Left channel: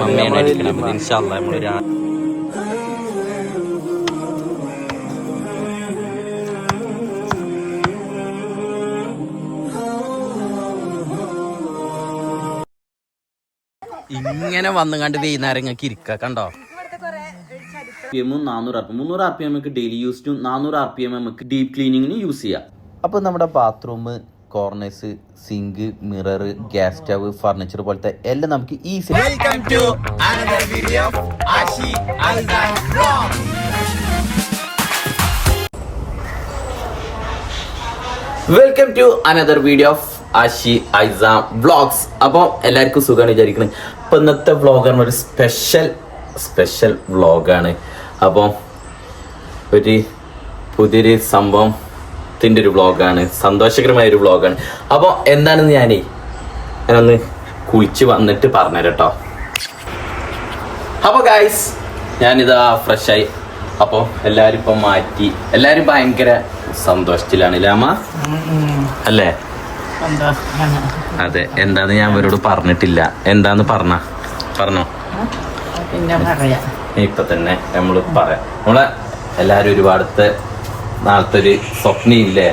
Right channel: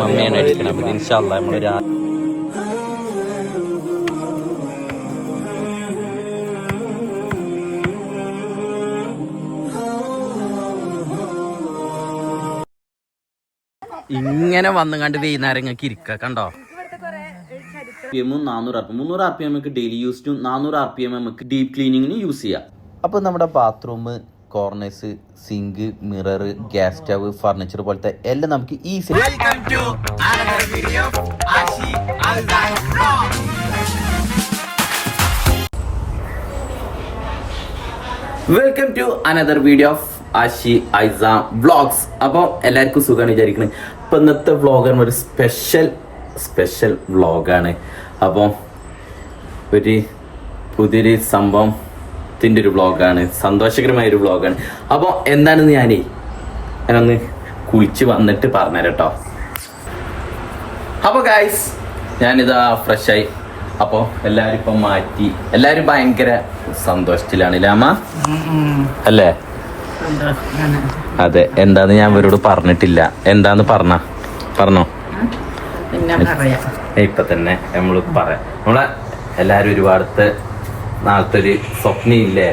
മമ്മയാണ് അടിക്കണം. അപ്പം ഇൻഷാ അല്ലാഹ് നമ്മളൊരു ഇങ്ങനെ വന്നുകൊണ്ട് വൈകുന്നേരം ഇങ്ങനെ ഇരിക്കുക കണ്ടോ. 400 RPM 300 RPM നമുക്ക് ഡെയിലി യൂസിനും 400 RPM നമുക്ക് ഡീപ് ക്ലീനിങ്ങിന് യൂസ് ചെയ്യാം. അപ്പോൾ നമ്മുടെ bathroom, corners, sink, mirror, gas stove, furniture പോലത്തെ എല്ലാം നമുക്ക് easy. Welcome to another video Ashi Aldan vlogs. Welcome to another video of Ashi Aisam vlogs. അപ്പോൾ എല്ലാവർക്കും സുഖമാണ് വിചാരിക്കുന്നത്. അപ്പോൾ ഇന്നത്തെ വ്ലോഗാണ് ഒരു സ്പെഷ്യൽ വ്ലോഗാണ്. അപ്പോൾ ഒരു പുതിയൊരു സംഭവത്തിൻ്റെ ഒരു വ്ലോഗാണ്, സന്തോഷകരമായൊരു വ്ലോഗാണ്. അപ്പോൾ എന്താണെന്ന് ഞാനൊന്ന് കുളിച്ച് വന്നിട്ട് പറഞ്ഞുതരാം കേട്ടോ. അപ്പോൾ ഗായ്സ് ഞാനിതാ ഫ്രഷായി. അപ്പോൾ എല്ലാവരും ഇപ്പം മാറ്റി, എല്ലാവരും ഭയങ്കര സന്തോഷത്തിലാണ് ലാമ അല്ലേ? അതെ. എന്താന്ന് ഞാൻ ഇവരോട് പറഞ്ഞിട്ടില്ല. എന്താന്ന് പറഞ്ഞോ ഇപ്പൊ തന്നെ നമ്മൾ പറയാം. നമ്മളെ എല്ലാരും ഒരുപാടത്തെ നാളത്തെ ഒരു സ്വപ്നയില്ലേ,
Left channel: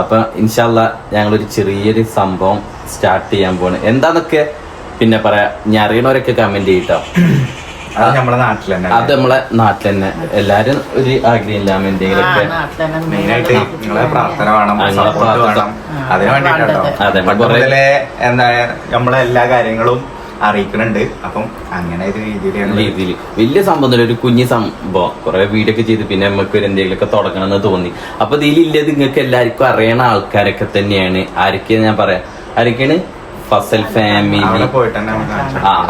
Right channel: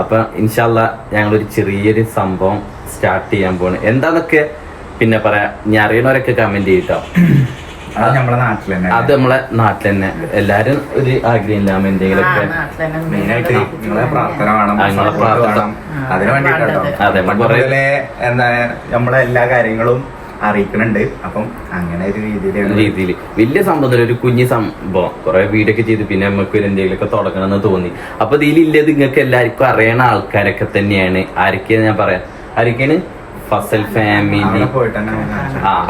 അപ്പൊ ഇൻഷാ അല്ലാഹ് ഞങ്ങളൊരു ചെറിയൊരു സംഭവം സ്റ്റാർട്ട് ചെയ്യാൻ പോണ്. എന്താന്നൊക്കെ പിന്നെ പറയാ. ഞാൻ അറിയണവരൊക്കെ കമന്റ് ചെയ്യട്ടോ. അത് നമ്മളെ നാട്ടിൽ തന്നെ എല്ലാരും ഒരു ആഗ്രഹമില്ല എന്തെങ്കിലുമൊക്കെ. എന്താണ് നമ്മളെല്ലാ കാര്യങ്ങളും അറിയിക്കുന്നുണ്ട്. അപ്പം അങ്ങനെ ഒരു രീതിയിൽ വലിയ സംഭവം, ഒരു കുഞ്ഞു സംഭവം. കുറെ വീഡിയോ ഒക്കെ ചെയ്ത് പിന്നെ നമുക്ക് എന്തെങ്കിലുമൊക്കെ തുടങ്ങണമെന്ന് തോന്നി. അപ്പൊ ഇതിലില്ലത് നിങ്ങൾക്ക് എല്ലാവർക്കും അറിയണ ആൾക്കാരൊക്കെ തന്നെയാണ്. ആരൊക്കെയാണ് ഞാൻ പറയാം, ആരൊക്കെയാണ്? ഫസൽ ഫാമിലി.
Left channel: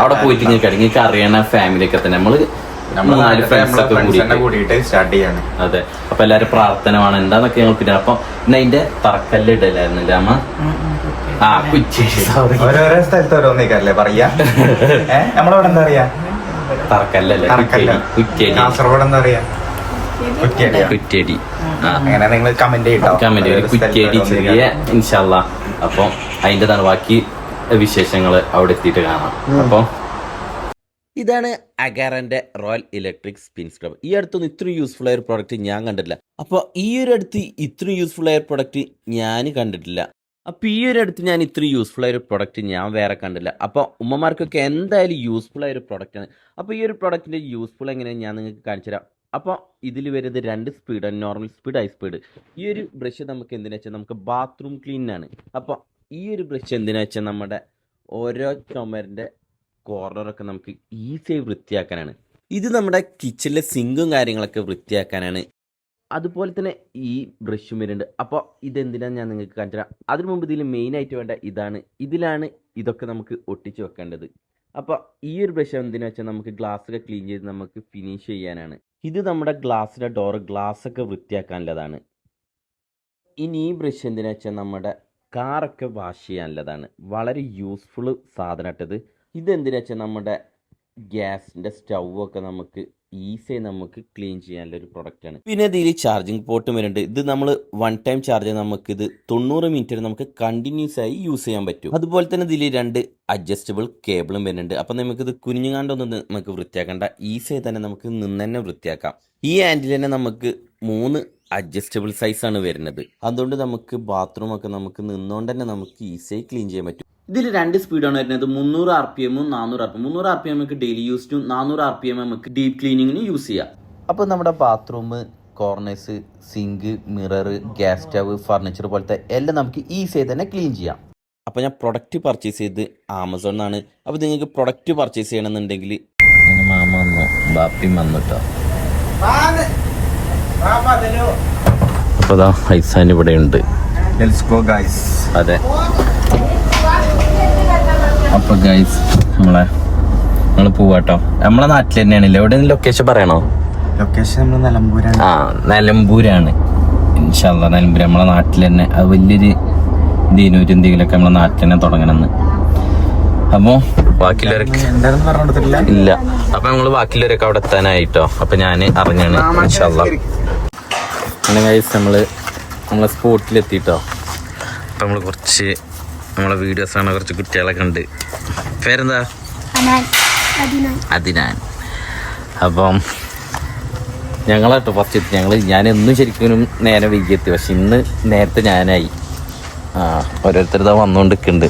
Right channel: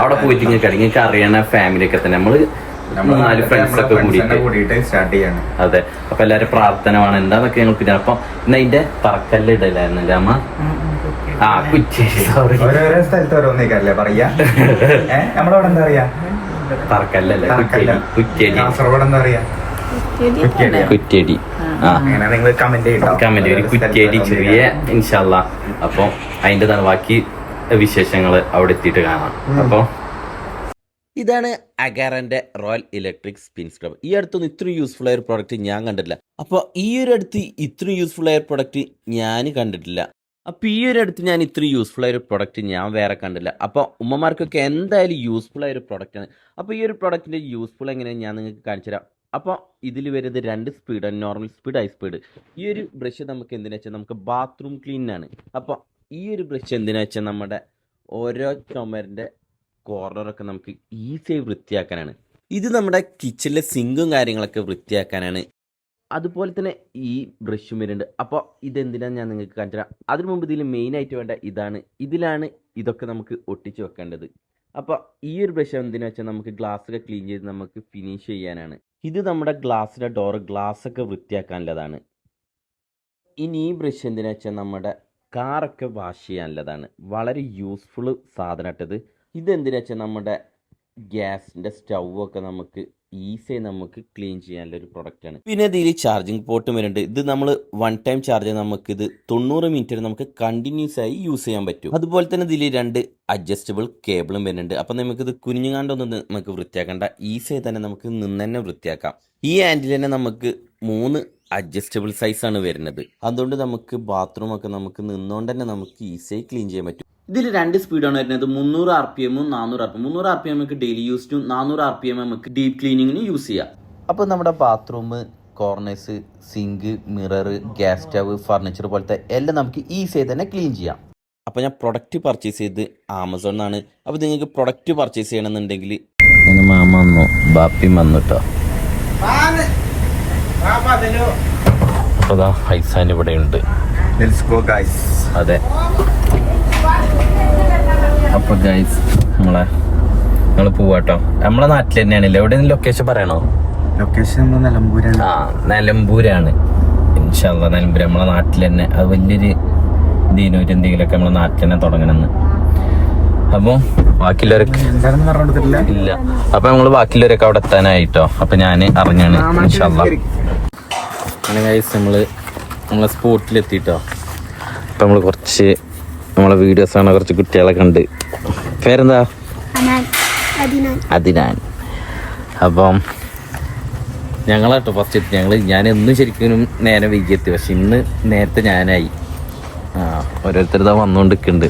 അവിടെ പോയിട്ട് നിങ്ങൾക്ക് അറിയണ ഫാമിലി ഒക്കെ തന്നെ. നമ്മള് 3-4 ഫ്രണ്ട്സ് ഒക്കെ കൂടിയിട്ട് സ്റ്റാർട്ട് ചെയ്യണം. അതെ. അപ്പൊ എല്ലാരും പ്രാർത്ഥന വേണം എന്താന്നൊക്കെ ഞങ്ങൾ പിന്നെ. അപ്പൊ ഇന്ന് അതിന്റെ തറക്കല്ല് ഇടലായിരുന്നല്ലേ അമ്മ? കുച്ചേരി. സോറി, ഓരോരോ സ്ഥലത്ത് ഓരോന്നേക്കല്ലേ പറയാ. നമ്മളവിടെ എന്താ പറയാ? തറക്കല്ലല്ലേ? കുറ്റേരി. കാസർഗോഡ് എന്താ പറയാ? കുറ്റേരി. നിങ്ങൾ കമന്റ് കുറ്റേരി ചെറിയ ഇൻഷാ അല്ലാഹ്. അപ്പൊ അതിൻ്റെതാണ് ബാക്കി വിശേഷങ്ങൾ അവിടെ എത്തിയിട്ട് കാണാം. അപ്പോൾ ഇതാണ് അഗാറന്റെ റോയൽ ഇലക്ട്രിക് സ്പിൻ സ്ക്രബർ. ഈ അടുത്തൊന്നും ഇത്രയും യൂസ്ഫുൾ ആയ ഒരു പ്രോഡക്റ്റ് ഞാൻ കണ്ടിട്ടില്ല. അപ്പോൾ ഈ ഒരു അടുത്ത് ഇത്രയും യൂസ്ഫുൾ ആയ പ്രോഡക്റ്റ് ഞാൻ കണ്ടിട്ടില്ല. അപ്പോൾ ഈ ഒരു അടുത്ത് ഞാൻ ഇത്രയും യൂസ്ഫുൾ ആയ ഒരു പ്രോഡക്റ്റ് ഞാൻ വേറെ കണ്ടില്ല. അപ്പോൾ ഉമ്മമാർക്കൊക്കെ എന്തായാലും യൂസ്ഫുൾ ആയ ഒരു പ്രോഡക്റ്റാണ്. അപ്പോൾ ഈ ഒരു പ്രോഡക്റ്റിൻ്റെ യൂസ്ഫുൾ എങ്ങനെയാണ് ഞാൻ നിങ്ങൾക്ക് കാണിച്ചു തരാം. അപ്പോൾ ഇതിൽ വരുന്നത് 2 സ്പീഡാണ്, നോർമൽ സ്പീഡ്, ഹൈ സ്പീഡ്. ഈ ഒരു ബ്രഷ് നമുക്ക് എന്തിനാ വെച്ചാൽ നമുക്ക് ബാത്റൂം ക്ലീനാണ്. അപ്പോൾ ഈ ഒരു ബ്രഷ് എന്തിനാ വെച്ചാൽ നമ്മുടെ ഓരോ ചുമരിൻ്റെ കോർണറൊക്കെ നമുക്ക് ഈസിയായി വൃത്തിയാക്കാനാണ്. ഇത് നമ്മുടെ കിച്ചണിലെ സിങ്കും കാര്യങ്ങളൊക്കെ വൃത്തിയാക്കാനാണ്. അതുപോലെ തന്നെ ഈ ബ്രഷും വരുന്നുണ്ട്. അപ്പോൾ ഇതെന്തിനാണ് ഞാൻ നിങ്ങൾക്ക് കാണിച്ചു തരാം. അതിനു മുമ്പ് ഇതിൽ മെയിനായിട്ട് വേണ്ട ഇതിലാണ് ഇതൊക്കെ നമുക്ക് ഒട്ടിച്ച് വെക്കേണ്ടത്. അപ്പോൾ ഈ ഒരു ബ്രഷ് എന്തിനാ വെച്ചാൽ നമുക്ക് ഗ്ലാസ്സൊക്കെ ക്ലീൻ ചെയ്ത് നമുക്ക് ഫിനിഷ് ചെയ്യാനാണ്. ഇത് നമ്മുടെ ഗ്ലാസ്സിൻ്റെ ഗ്ലാസ്സൊക്കെ വൃത്തിയാക്കാനുള്ളതാണ്. ഇനി ഈ ബ്രഷ് എന്തിനാ വെച്ചാൽ നമ്മുടെ കാറൊക്കെ വാഷ് ചെയ്യാനുള്ളതാണ്. വളരെ യൂസ്ഫുൾ സാധനമായിട്ടത്. ഇതെന്തിനാ വെച്ചാൽ നമ്മുടെ ഗ്യാസിൻ്റെ സ്റ്റൗവൊക്കെ നമുക്ക് ഈസിയായി നമുക്ക് ക്ലീൻ ചെയ്യാനുള്ളൊരു പ്രൊഡക്റ്റാണ്. പിന്നെ ഇതിൽ ചാർജിങ് പോർട്ടും വരുന്നുണ്ട്. ഇത് നമ്മൾ 1 ടൈം ചാർജ് നമുക്കിത് 90 മിനിറ്റ് വരെ നമുക്ക് കണ്ടിന്യൂസ് ആയി യൂസ് ചെയ്യാൻ പറ്റും. അതുപോലെ തന്നെ ഇതിൽ 2 അഡ്ജസ്റ്റബിൾ കേബിളും വരുന്നുണ്ട്. അപ്പം നമുക്കിത് കുനിഞ്ഞുകാണ്ടൊന്നും നമുക്ക് വൃത്തിയാക്കേണ്ട, ഈസിയായി തന്നെ നമുക്ക് നിന്ന് തന്നെ വൃത്തിയാക്കാം. ഈ ഹാൻഡിൽ തന്നെ നമുക്ക് 3 അഡ്ജസ്റ്റബിൾ സൈസാണ് വരുന്നത്. അതുകൊണ്ട് നമുക്ക് ബാത്റൂമൊക്കെ നമുക്ക് നിന്നുകൊണ്ട് തന്നെ നമുക്ക് ഈസിയായി ക്ലീൻ ചെയ്യാൻ പറ്റും. ഇതിൽ 2 സ്പീഡാണ് വരുന്നത്, 300 RPM 400 RPM. 300 RPM നമുക്ക് ഡെയിലി യൂസിനും 400 RPM നമുക്ക് ഡീപ് ക്ലീനിങ്ങിന് യൂസ് ചെയ്യാം. അപ്പോൾ നമ്മുടെ bathroom, corners, sink, mirror, gas stove, furniture പോലത്തെ എല്ലാം നമുക്ക് ഈസിയായി തന്നെ ക്ലീൻ ചെയ്യാം. അപ്പോൾ ഞാൻ പ്രൊഡക്റ്റ് പർച്ചേസ് ചെയ്ത് ആമസോണിലാണ്. അപ്പോൾ നിങ്ങൾക്ക് പ്രൊഡക്റ്റ് പർച്ചേസ് ചെയ്യണമെന്നുണ്ടെങ്കിൽ മാമ വന്നു, ബാപ്പി വന്നു കേട്ടോ. ഇവിടെ ഉണ്ട്. അതെ. അപ്പൊ ഗൈസ് നമ്മള് പോവാട്ടോ. നമ്മളെ നാട്ടിൽ തന്നെയാണല്ലേ? എവിടെ ലൊക്കേഷൻ പറയണോ? ലൊക്കേഷൻ നിലമ്പൂരാണ്. ഇൻഷാ അല്ലാഹ് നിലമ്പൂർ നമ്മളെ നാട്ടിൽ തന്നെ. അത് വലിയൊരു ദീനൂര് എന്തെങ്കിലുമൊക്കെ നമ്മളെ നാട്ടിൽ തന്നെ തുടങ്ങണമെന്ന്. അപ്പൊ ബാക്കിയുള്ളവരൊക്കെ ഇല്ല. അപ്പൊ നമ്മള് ബാക്കിയുള്ളവരൊക്കെ അവിടെ എത്താനായിട്ടോ. അപ്പൊ ഞാൻ അറിഞ്ഞാണ് ഇൻഷാ അല്ലാഹ്. ഗൈസ് നമ്മളെ സ്പോട്ടിലെത്തിട്ടോ. അപ്പൊ നമ്മള് കുറച്ച് നമ്മളെ വീഡിയോസാണ്, കുറച്ച് കുട്ടികളൊക്കെ ഉണ്ട്. പേരെന്താ? അദിനാൻ. അപ്പം ഞങ്ങളാട്ടോ ഫസ്റ്റ് ഞാൻ എന്നും ശരിക്കും നേരെ വൈകിയെത്തി, പക്ഷെ ഇന്ന് നേരത്തെ ഞാനായി. ഓരോരുത്തരിതാ വന്നുകൊണ്ടിരിക്കുന്നുണ്ട്.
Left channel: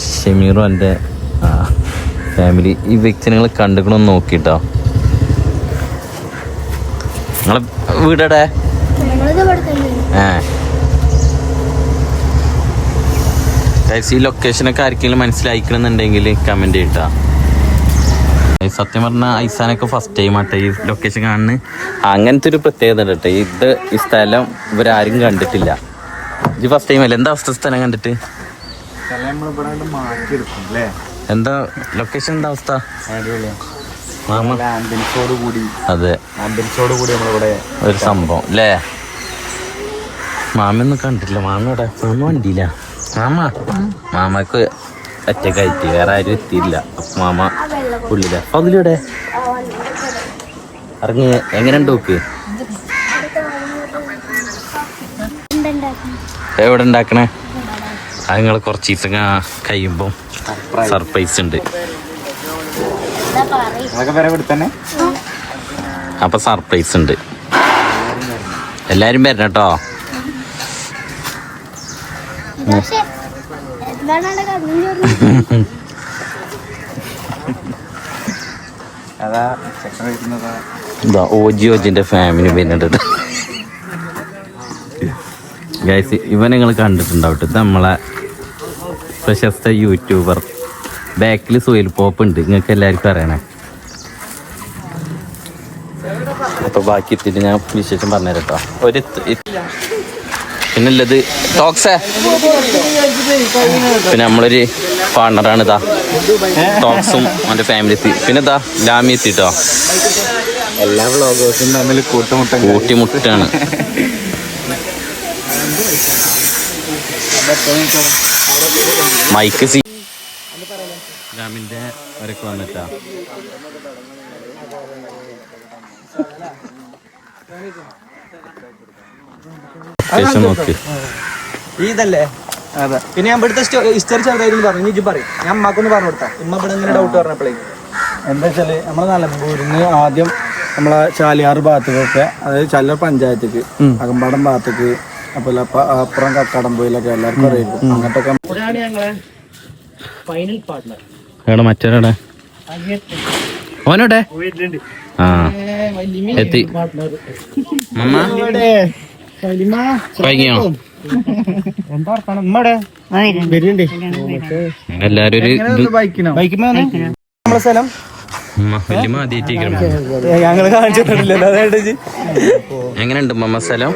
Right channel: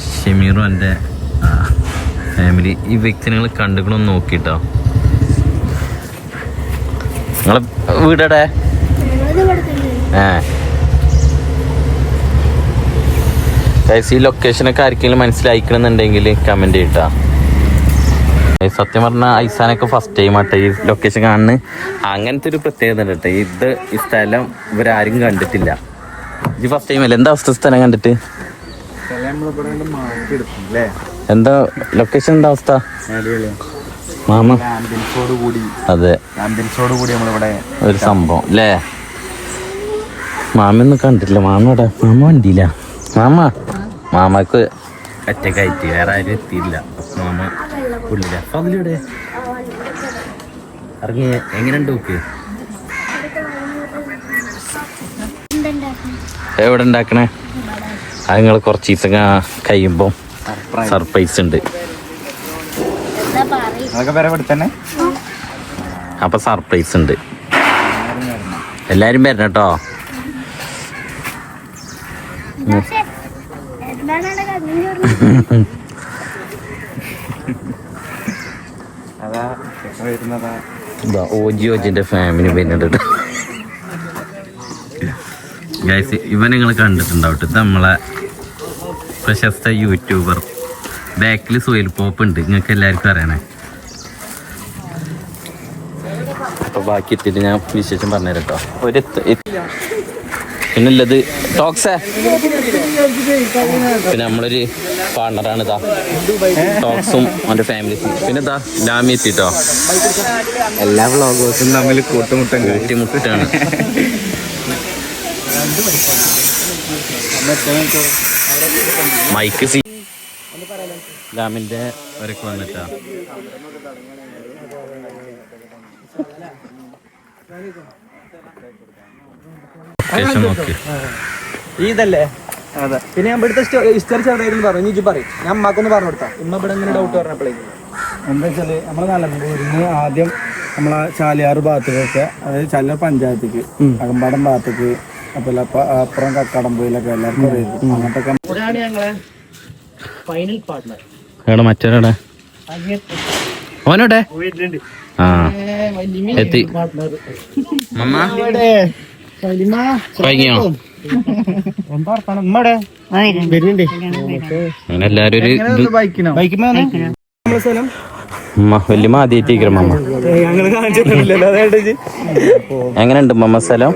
ഷമീറും എൻ്റെ ഫാമിലി. ഈ വ്യക്തി നിങ്ങൾ കണ്ടുക്കണമെന്ന് നോക്കിട്ടോ. നിങ്ങളെ വീടടെ? ഈ ലൊക്കേഷനൊക്കെ ആർക്കെങ്കിലും മനസ്സിലായിക്കണമെന്നുണ്ടെങ്കിൽ കമൻറ്റ് ചെയ്യട്ടാ. സത്യം പറഞ്ഞാൽ ഐസാനൊക്കെ ഫസ്റ്റ് ടൈം ആട്ടെ ഈ ലൊക്കേഷൻ കാണുന്നത്. അങ്ങനത്തെ ഒരു പ്രത്യേകത ഉണ്ട് കേട്ടോ. ഈ സ്ഥലം ഇവരാരും കണ്ടിട്ടില്ല. ഇത് ഫസ്റ്റ് ടൈം അല്ലേ? എന്താ അവസ്ഥ സ്ഥലം കണ്ടിട്ട്? എന്താ ലൊക്കേഷൻ എന്താ അവസ്ഥ? അതെ, ഒരു സംഭവം അല്ലേ? മാമയൊന്നും കണ്ടിട്ടില്ല. മാമയുടെ മാമ വണ്ടിയില്ല. മാമക്ക് ഒറ്റക്കായിട്ട് വേറെ ആരും എത്തിയില്ല. മാമ ഉള്ളില. അതിലൂടെ ഇറങ്ങി എങ്ങനെ നോക്ക്. എവിടെ ഉണ്ടാക്കണേ? അത് നിങ്ങൾ കുറച്ച് ദിവസം കഴിയുമ്പോൾ സർപ്രൈസ് ഉണ്ട്. അപ്പൊ സർപ്രൈസ് ഉണ്ട്. എല്ലാരും വരണം കേട്ടോ. ഓജിന്റെ ഫാമിലി വരുന്നുണ്ട് ഗൈസ്. ഇവൻ നിങ്ങൾ കണ്ടിട്ടുണ്ടാവും. ഇത് നമ്മളെ പ്രശസ്ത യൂട്യൂബർ. ബാക്കിൽ സോയിൽ പോപ്പ് ഉണ്ട്, നിങ്ങൾക്ക് എല്ലാവർക്കും അറിയണേ. അപ്പൊ ബാക്കി എത്തിയിട്ട് ഞാൻ വിശേഷം പറഞ്ഞുതരാം കേട്ടോ. പിന്നുള്ളത് ടോക്സേ. പിന്നെ നമ്മളൊരു പാർട്ണറാണ് ഇതാ ടോക്സും അവൻ്റെ ഫാമിലി എത്തി. പിന്നെ ഇതാ ലാമി എത്തിട്ടോ. എല്ലാ വ്ളോഗേഴ്സും തമ്മിൽ കൂട്ടിമുട്ടാണ്. മൈക്ക് സി ലാമിൻ്റെ അവരൊക്കെ വന്നിട്ടാ. നോക്കി ഇതല്ലേ? അതെ. പിന്നെ ഞാൻ ഇവിടുത്തെ ഹിസ്റ്ററി ചെറുതായിരുന്നു പറഞ്ഞു. ഇജ്ജ് പറയും, ഞാൻ അമ്മക്കൊന്ന് പറഞ്ഞു കൊടുത്താ. ഇമ്മ ഇവിടെ ഇങ്ങനെ ഡൗട്ട് പറഞ്ഞപ്പോഴേ എന്താ വെച്ചാല് നമ്മളെ നിലമ്പൂരിന്ന് ആദ്യം നമ്മളെ ചാലിയാറ് ഭാഗത്തേക്കൊക്കെ, അതായത് ചല്ലർ പഞ്ചായത്തേക്ക്, അകമ്പാടം ഭാഗത്തേക്ക്, അതുപോലെ അപ്പുറം കക്കാടംപോയിലൊക്കെ എല്ലാവർക്കും അറിയായിരിക്കും. അങ്ങോട്ടൊക്കെ ഫൈനൽ പാർട്ട്ണർ മറ്റേ ഓനോട്ടെ എത്തി. എല്ലാരും സ്ഥലം വല്യമ്മ ആദ്യമായിട്ട് എങ്ങനെയുണ്ട് മമ്മ സ്ഥലം?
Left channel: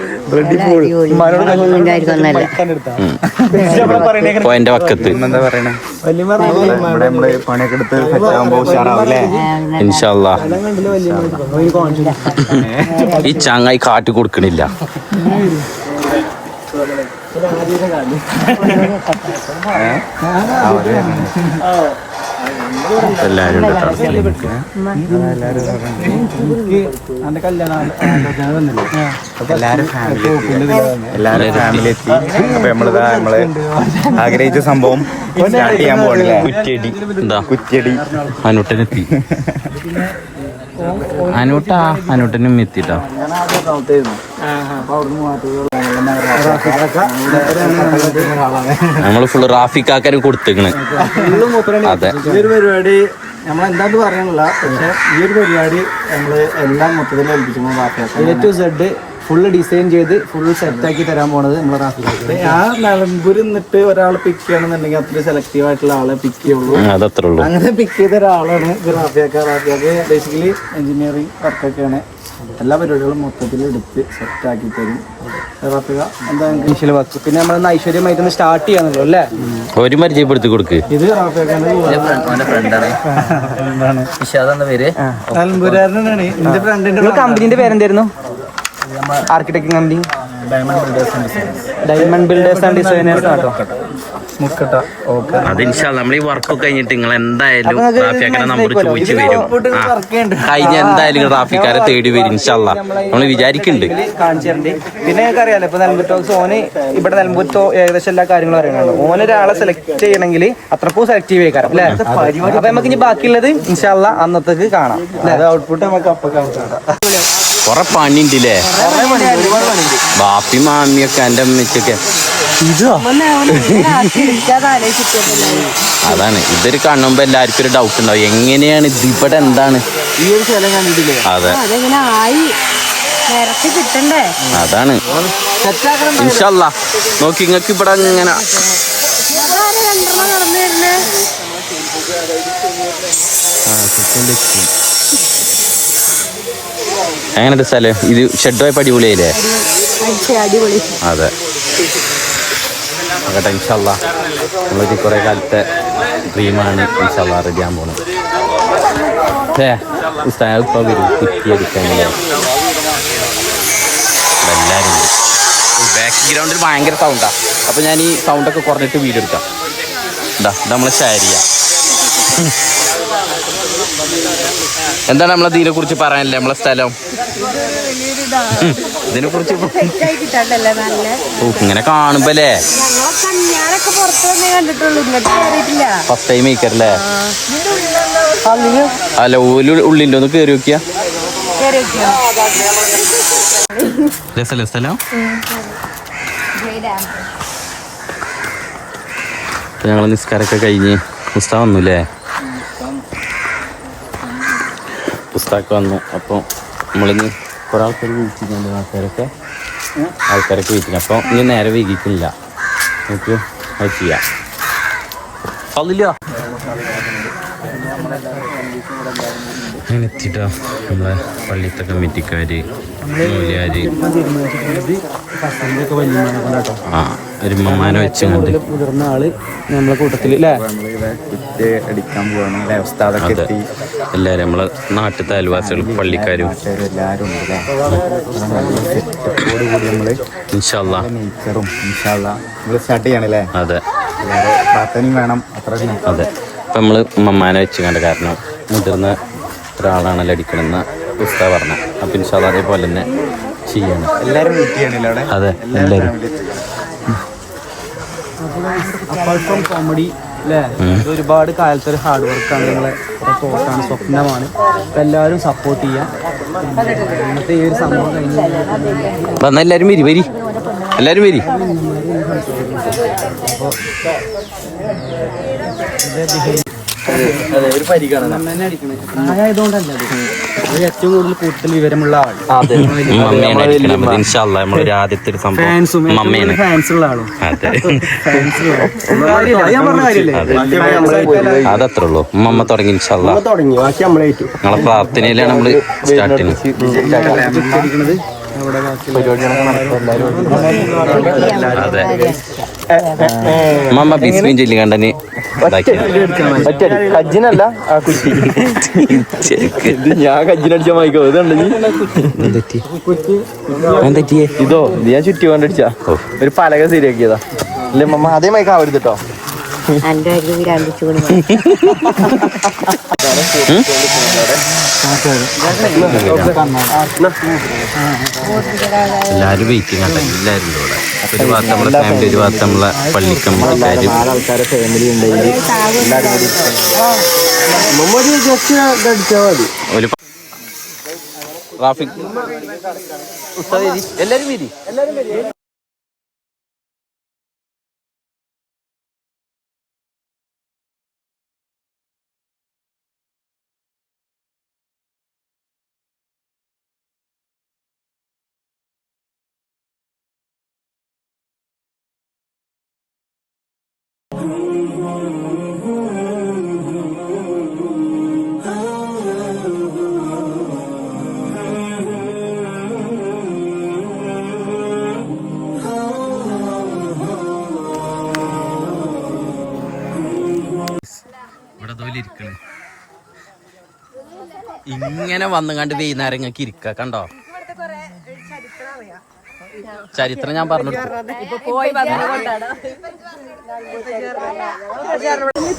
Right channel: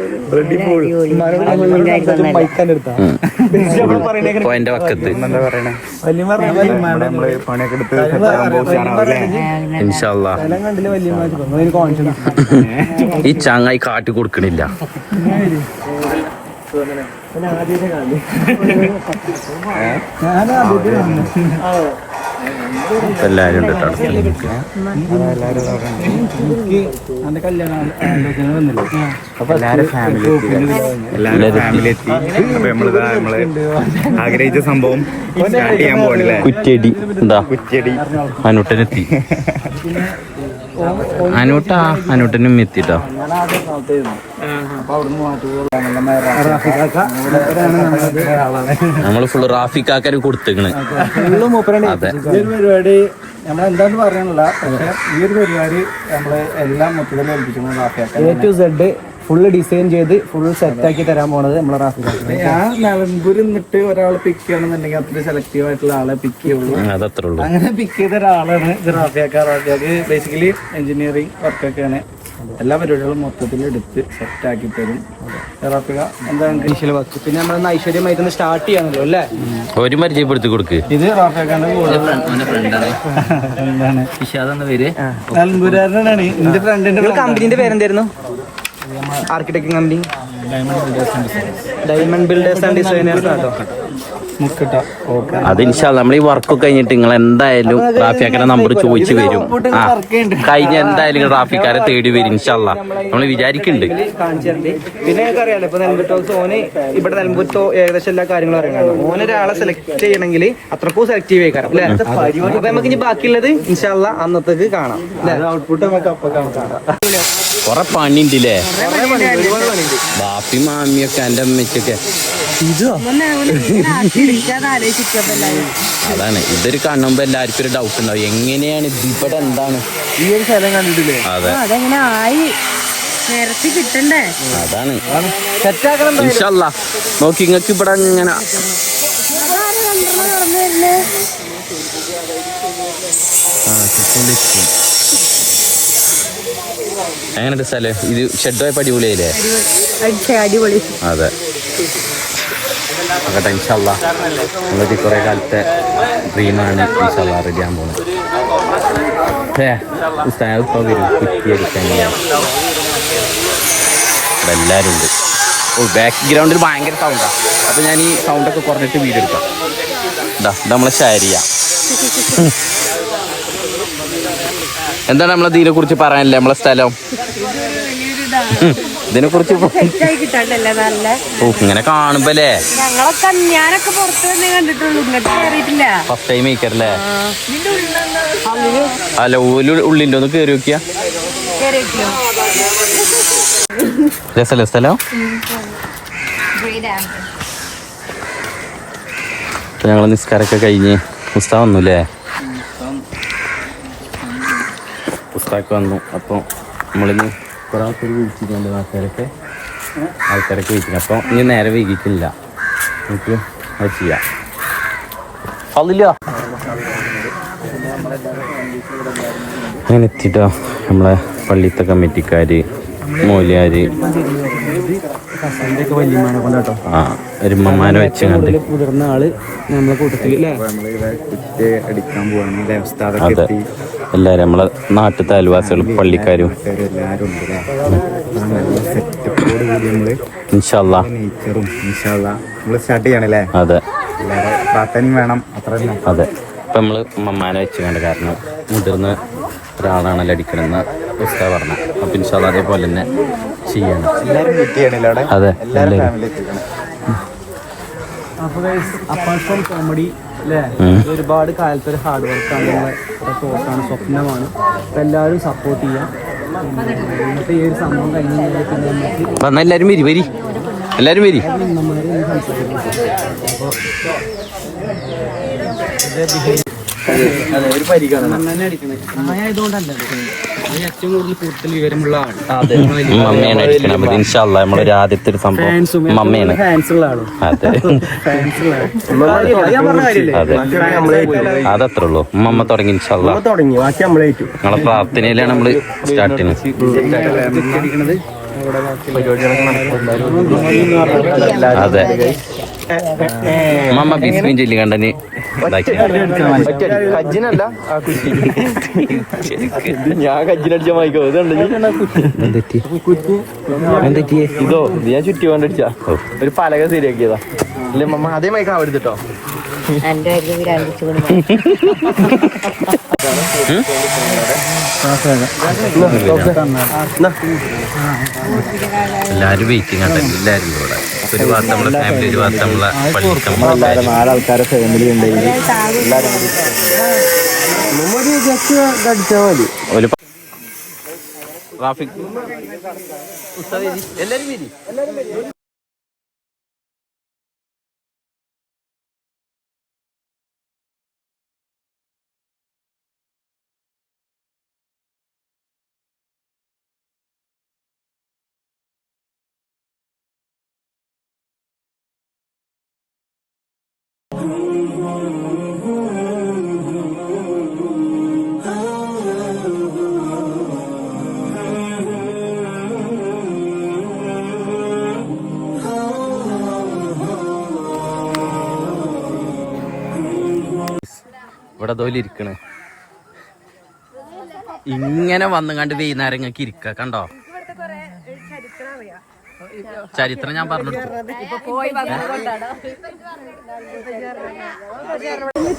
പോയിന്റ് വക്കത്ത് ഇൻഷാല്ലാ. ഈ ചങ്ങായി കാട്ടി കൊടുക്കണില്ല. എല്ലാരും ഉണ്ട് കേട്ടോ. ഫാമിലി എത്തി. നമ്മള് ആഗ്രഹിച്ച സംഭവം സ്റ്റാർട്ട് ചെയ്യാൻ പോകണില്ലേ? കുറ്റിയടി. എന്താ കുറ്റിയടി അനൂട്ടനെത്തി. അനൂട്ടനും എത്തിട്ടോ. നമ്മള് ഫുള്ള് റാഫിക്കാക്കാരും കൊടുത്തേക്കണ്. അതെ, ഈ ഒരു പരിപാടി നമ്മളെന്താന്ന് പറയാനുള്ള, പക്ഷെ ഈ ഒരു പരിപാടി നമ്മള് എല്ലാം മൊത്തത്തിൽ ഏൽപ്പിച്ചു. A to Z full design ചെയ്ത് ഫുള്ള് സെറ്റാക്കി തരാൻ പോണത് നമ്മളെ റാഫിക്കാക്ക്. ആ നിലമ്പൂരിൽ നിന്നിട്ട് ഒരാളെ പിക്ക് ചെയ്യണമെന്നുണ്ടെങ്കിൽ അത്ര സെലക്റ്റീവ് ആയിട്ടുള്ള ആളെ പിക്ക് ചെയ്യുള്ളൂ. അങ്ങനെ പിക്ക് ചെയ്ത ഒരാളാണ് റാഫിയാക്ക. റാഫിയാക്ക് ബേസിക്കലി എഞ്ചിനീയറിംഗ് വർക്കൊക്കെയാണ്. എല്ലാ പരിപാടികളും മൊത്തത്തിൽ എടുത്ത് സെറ്റാക്കി തരും റാഫിക. എന്താ വർക്ക് പിന്നെ നമ്മളൊന്ന് ഐശ്വര്യമായിട്ടൊന്ന് സ്റ്റാർട്ട് ചെയ്യാനല്ലോ അല്ലേ? ഒരു പരിചയപ്പെടുത്തി കൊടുക്ക്. ഇത് റാഫിയാക്കാന്റെ നിലമ്പൂരാരനാണ്. എന്റെ ഫ്രണ്ടിന്റെ കമ്പനിന്റെ പേരെന്തായിരുന്നു? Architect company diamond builders and designers. Mukkatta. Okay, അത് ഇൻഷാല്ലാ നമ്മൾ ഈ വർക്കൊക്കെ കഴിഞ്ഞിട്ട് നിങ്ങൾ എന്തായാലും റാഫിക്കാരെ നമ്പർ ചോദിച്ചു വരും. ആ കഴിഞ്ഞ എന്തായാലും റാഫിക്കാരെ തേടി വരും ഇൻഷാല്ലാ, നമ്മൾ വിചാരിക്കുന്നുണ്ട്. പിന്നെ ഞങ്ങൾക്ക് അറിയാലോ ഇപ്പൊ നിലമ്പൂർ ടോക്സ് ഓന് ഇവിടെ നിലമ്പൂർ ഏകദേശം എല്ലാ കാര്യങ്ങളും അറിയണം. ഓനൊരാളെ സെലക്ട് ചെയ്യണമെങ്കിൽ അത്രക്കും സെലക്റ്റീവ് ആയിക്കാരം അല്ലെ. അപ്പൊ നമുക്ക് ഇനി ബാക്കിയുള്ളത് ഇൻഷാല്ലാ അന്നത്തേക്ക് കാണാം. ഔട്ട്പുട്ട് നമുക്ക് അപ്പൊ കാണാം. കൊറേ പണിണ്ടില്ലേ ബാപ്പി മാമിയൊക്കെ എന്റെ അമ്മയ്ക്കൊക്കെ. അതാണ് ഇതൊരു കാണുമ്പോ എല്ലാവർക്കും ഒരു ഡൗട്ട് ഉണ്ടാവും, എങ്ങനെയാണ് ഇത് ഇവിടെ എന്താണ് ഈ ഒരു സ്ഥലം കണ്ടിട്ടില്ലേ? അതെ അതെങ്ങനെ ആയി നിരത്തി കിട്ടണ്ടേ? അതാണ് ഇൻഷാല്ലാ. നോക്കി ഇങ്ങക്ക് ഇവിടെ ഇങ്ങനെ അതാരെ രണ്ടെണ്ണം നടന്നു വരുന്നേ? എങ്ങനത്തെ സ്ഥലം ഇത്? ഷെഡായപ്പോ അടിപൊളിയായില്ലേ? അടിപൊളി. അതെ നോക്കട്ടെ ഇൻഷാല്ലാ. നമ്മളൊരു കുറെ കാലത്തെ ഡ്രീമാണ് ഇൻഷാല്ലാ റെഡി ആകാൻ പോകുന്നത്. ഇപ്പൊ വരും കുറ്റി അടിക്കാൻ ഇവിടെ എല്ലാവരും ഉണ്ട്. ബാക്ക്ഗ്രൗണ്ടിൽ ഭയങ്കര സൗണ്ടാ. അപ്പൊ ഞാൻ ഈ സൗണ്ടൊക്കെ കുറഞ്ഞിട്ട് വീഡിയോ എടുക്കാം. ഇതാ നമ്മളെ ഷാരിയ. എന്താണ് നമ്മളെ ഇതിനെ കുറിച്ച് പറയാനല്ലേ? നമ്മളെ സ്ഥലം ഇതിനെ കുറിച്ച് ഇങ്ങനെ കാണുമ്പോല്ലേ ഞാനൊക്കെ പുറത്ത് തന്നെ കണ്ടിട്ടുള്ളൂ, ഇങ്ങോട്ട് കയറിയിട്ടില്ല. ഫസ്റ്റ് ടൈം കഴിക്കാറല്ലേ? അല്ല ഉള്ളിൻ്റെ ഒന്ന് കയറി നോക്കിയാ രസല്ലേ സ്ഥലം? അപ്പൊ ഞങ്ങള് നിസ്കാരമൊക്കെ കഴിഞ്ഞ് ഉസ്താദ് വന്നുല്ലേ? ഉസ്താദ് വന്നു. അപ്പോൾ നമ്മളിന്ന് കുറെ ആൾക്കാർ വീട്ടിലുണ്ട്, ആൾക്കാരൊക്കെ വീട്ടിൽ. അപ്പോൾ ഇനി നേരെ വൈകിട്ടില്ല, നമുക്ക് അത് ചെയ്യാം. അതില്ല അങ്ങനെ എത്തിട്ടോ നമ്മളെ പള്ളിത്തെ കമ്മിറ്റിക്കാർ, മൂല്യാര്, ആ ഒരുമ്മമാരെ വെച്ച് കണ്ട് മുതിർന്ന ആള് നമ്മളെ കൂട്ടത്തിൽ അടിക്കാൻ പോവാണ്. അതെ എല്ലാവരും നമ്മളെ നാട്ടിലത്തെ അയൽവാസികളും പള്ളിക്കാരും എല്ലാവരും ഉണ്ട് അല്ലേ? നല്ല സെറ്റപ്പോട് കൂടി നമ്മള് ഇൻഷാല്ലാ നേച്ചറും ഇൻഷാല്ലാ നമ്മള് സ്റ്റാർട്ട് ചെയ്യണല്ലേ? അതെ എല്ലാവരും പ്രാർത്ഥനയും വേണം. അത്ര തന്നെ. അതെ ഇപ്പം നമ്മൾ ഉമ്മമാനെ വെച്ച് കണ്ട്, കാരണം മുതിർന്ന ഒരാളാണല്ലോ അടിക്കണമെന്ന് ഉസ്താദ് പറഞ്ഞ. അപ്പം ഇൻഷാല്ലാ അതേപോലെ തന്നെ ചെയ്യണം. എല്ലാവരും വെയിറ്റ് ചെയ്യണല്ലോ? അതെ എല്ലാവരും. അപ്പാർട്ട് ഫ്രോം കോമഡി അല്ലേ, ഒരുപാട് കാലത്ത് ഒരു ഹാർഡ് വർക്കാണ്, സ്വപ്നമാണ്. അപ്പം എല്ലാവരും സപ്പോർട്ട് ചെയ്യാം. ഇന്നത്തെ ഈ ഒരു സംഭവം കഴിഞ്ഞ് വന്നാൽ എല്ലാവരും വരി എല്ലാവരും വരി. ഒരു പരിഗണന തന്നെ അടിക്കണേ. പ്രായമായതുകൊണ്ടല്ല അത് ഏറ്റവും കൂടുതൽ കൂടുതൽ വിവരമുള്ള ആൾ മമ്മയാണ് അടിക്കണം. അപ്പം ഇൻഷാല്ലാ നമ്മളൊരു ആദ്യത്തെ ഒരു സംഭവം മമ്മയാണ്. ഫാൻസുള്ള ആളും. അതെ അതെ അതത്രേ ഉള്ളൂ. ഉമ്മ തുടങ്ങി ഇൻഷാല്ലാ. ഞങ്ങളെ പ്രാർത്ഥനയിലാണ് നമ്മള് സ്റ്റാർട്ട് ചെയ്യുന്നത്. അതെ മമ്മ ബിസ്മിൻ ചൊല്ലി കണ്ടന് ഞാൻ കജ്ജിനടിച്ച മൈക്കോ ഇതോ ഞാൻ ചുറ്റി കൊണ്ടടിച്ച ഒരു പലക ശരിയാക്കിയതാ. അല്ലേ മമ്മ? അതേ മൈക്ക് ആവരുത് കേട്ടോ. എല്ലാരും വെയിറ്റിംഗ് ആട്ടെ. എല്ലാരും ഇവിടെ ഒരു ഭാഗത്ത് നമ്മളെ ഫാമിലി, ഒരു ഭാഗത്ത് നമ്മളെ പള്ളിക്ക് നമ്മളെല്ലാരും 4 ആൾക്കാരെ ഫാമിലി ഉണ്ടെങ്കിൽ ഒരു ട്രാഫിക് എല്ലാരും വരി. ഇവിടെ തോലി ഇരിക്കണേ ഇങ്ങനെ വന്നു കണ്ട് വൈകുന്നേരം ഇങ്ങക്ക് ഇരിക്ക. കണ്ടോ ചരിത്രം ഞാൻ പറഞ്ഞു.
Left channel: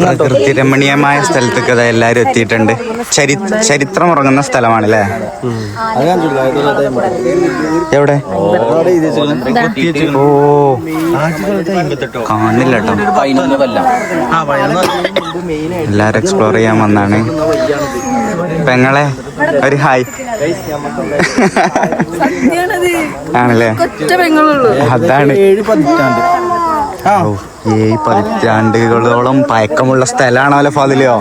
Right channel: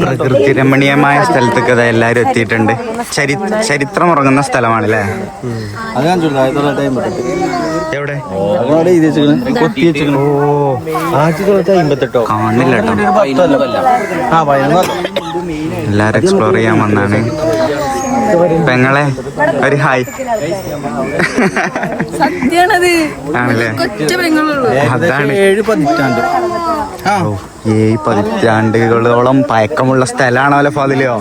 പ്രകൃതി രമണീയമായ സ്ഥലത്തേക്ക് അതാ എല്ലാരും എത്തിയിട്ടുണ്ട്. ചരിത്രം ഉറങ്ങുന്ന സ്ഥലമാണല്ലേ? എവിടെ? ഓ കാണില്ല കേട്ടോ. എല്ലാരും എക്സ്പ്ലോർ ചെയ്യാൻ വന്നാണ്. പെങ്ങളെ ഒരു ഹായ്. ആണല്ലേ? അതാണ് 7 പതിറ്റാണ്ട്. 7 പതിറ്റാണ്ടുകളോളം പഴക്കമുള്ള സ്ഥലമാണല്ലോ ഫാദിലോ.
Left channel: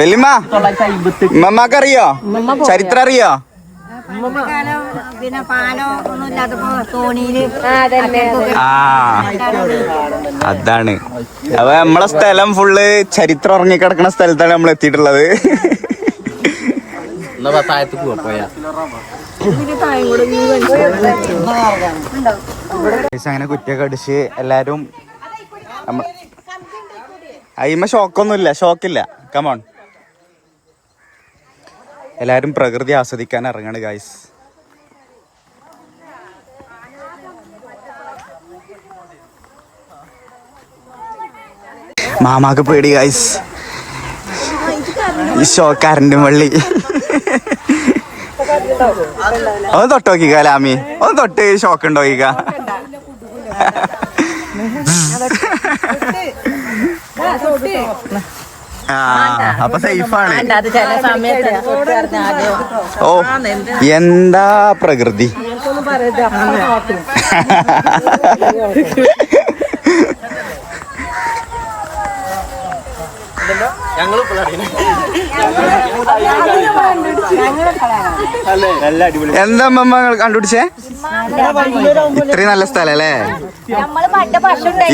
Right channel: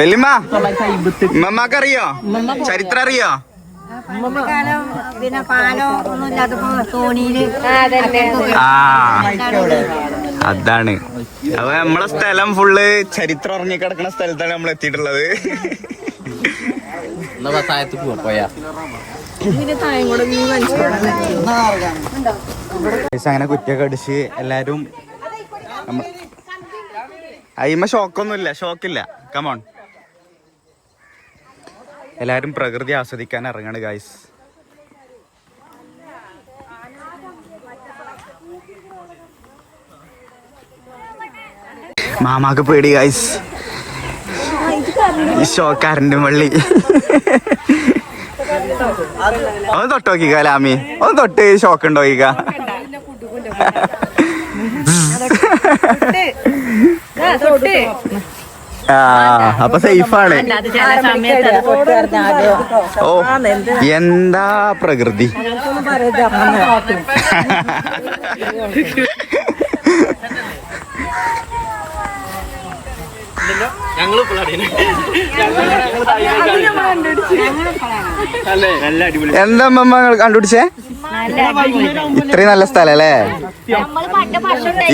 വെല്ലിമ്മ ഉമ്മക്കറിയോ ചരിത്രം അറിയോ? പിന്നെ പാലോ ഒന്നും ഇല്ലാത്തപ്പോ തോണിയില് ആ അതാണ്. അപ്പൊ നമ്മളെ സ്ഥലം ഫുള്ള് ചരിത്രം ഉറങ്ങിക്കിടക്കുന്ന സ്ഥലത്താണ് നമ്മൾ എത്തിയിട്ടുള്ളത്. അങ്ങനെ കുറ്റിയൊക്കെ അടിച്ച് എല്ലാരും അയിമ ഷോക്കൊന്നുമില്ല, ഷോക്കില്ല. കമോൺ, എല്ലാരും പ്രകൃതി ആസ്വദിക്കാൻ ഇറങ്ങാണ് ഗൈസ്. മാമാക്ക് പേടി ഗൈസ്. ഈ ഷോക്കാരൻ്റെ വള്ളി ഒന്ന് തൊട്ട് നോക്കിക്ക ലാമി, ഒന്ന് തൊട്ട് ഷോക്ക് ഉണ്ടോ നോക്കിക്ക. ആ അപ്പൊ സേഫാണ്. ഓ എന്താ പ്രകൃതി. എന്താ അമ്മ കണ്ടുപിടിച്ചേ? ഇത്രയും നല്ല സ്ഥലം അല്ലേ?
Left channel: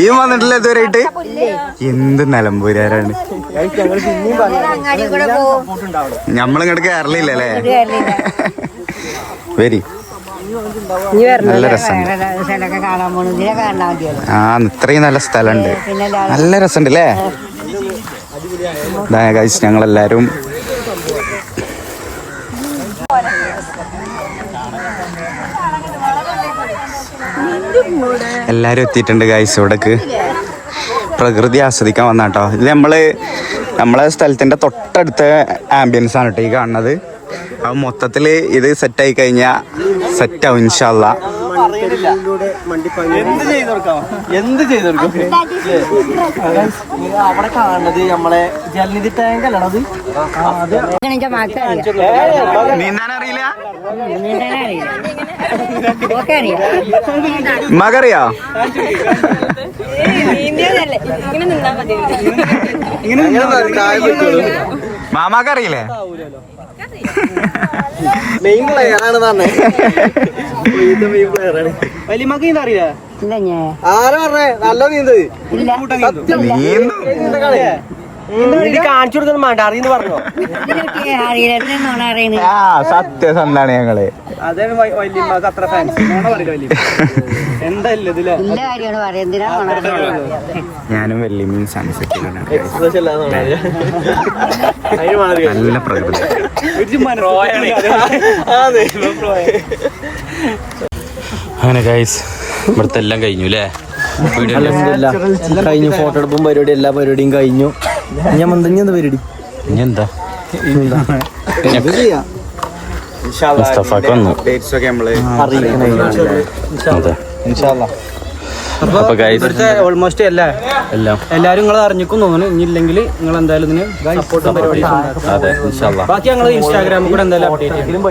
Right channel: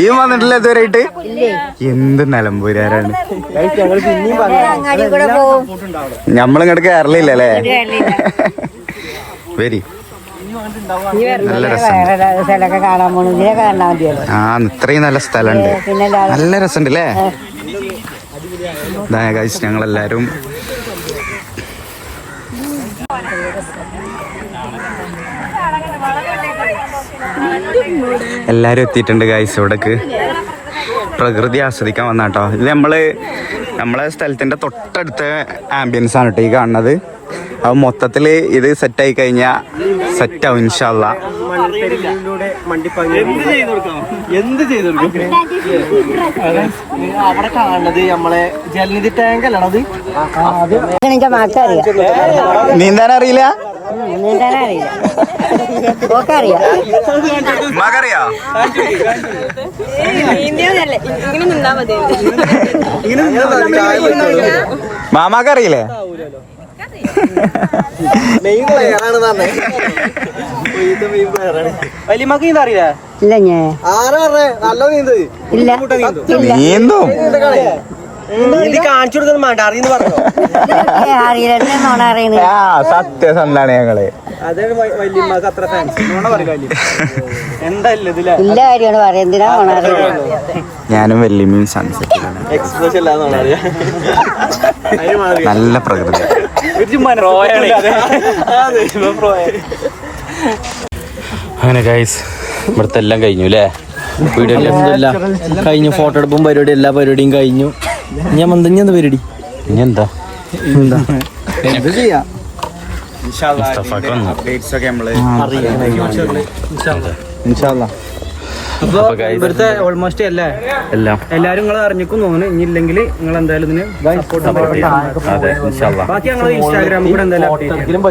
ഈ വന്നിട്ടില്ല ഇതുവരെയായിട്ട്? എന്ത് നിലമ്പൂരാരാണ്. ഞമ്മളിങ്ങോട്ട് കേരളയില്ലല്ലേ? വരി, നല്ല രസമുണ്ട്. ആ ഇത്രയും നല്ല സ്ഥലമുണ്ട്, നല്ല രസമുണ്ട് അല്ലേ? ഗൈസ് ഞങ്ങളെല്ലാരും എത്തിയിട്ടുണ്ട് ഗൈസ്. ഇവിടേക്ക് പ്രകൃതി ആസ്വദിക്കാൻ വന്നാട്ടോ. ഇത് നമ്മളെ സ്ഥലത്തിന്റെ തൊട്ടടുത്ത ആംബിയൻസ് ആണ് കേട്ടോ ഈ കാണുന്നത്. അപ്പൊ മൊത്തത്തിൽ ഇത് സെറ്റായി കഴിഞ്ഞാൽ സെറ്റാവും ഇൻഷാ അള്ളാ. അവിടെ കാണുന്നത് നമ്മളെ ജലനിധി ടാങ്ക് അല്ലണത്. നീന്താൻ അറിയില്ല? മകറിയോ? മാമാക്കറിയില്ലേ? നീന്തോ കാണിച്ചു കൊടുക്കുന്ന വേണ്ട അറിയുന്നു പറഞ്ഞു. സത്യസന്ധാണ് ഞങ്ങള്. അതാണ് വല്യമ്മക്ക് അത്ര ഫാൻസ് പറയില്ല. ഞാനും വല്യമ്മയും സൺസെറ്റിലാണ്. നല്ല പ്രകൃതി. അങ്ങനെ ഗൈസ് ഇവിടുത്തെ എല്ലാം കഴിഞ്ഞു അല്ലേ? കഴിഞ്ഞു. ഫോട്ടോ എടുപ്പും പരിപാടി എല്ലാ പരിപാടിയും കഴിഞ്ഞു. ഞാൻ മന്ദഞ്ഞ പരിപാടി ഇനി എന്താ എന്ത് ചെയ്യാം. മുസ്തഫാക്ക് വന്നു. ഇവിടുത്തെ ഓൾമോസ്റ്റ് എല്ലാരും നിങ്ങൾ അറിഞ്ഞിക്കും തോന്നുന്നു. ഇനി ഇല്ലെങ്കിൽ നിങ്ങൾ എന്തായാലും ഇതിന് സപ്പോർട്ട് പരിപാടി. അതെ ബാക്കി ഞങ്ങൾ ഇൻസ്റ്റാഗ്രാമിൽ കൂടെ എന്തായാലും അപ്ഡേറ്റ് ചെയ്യും.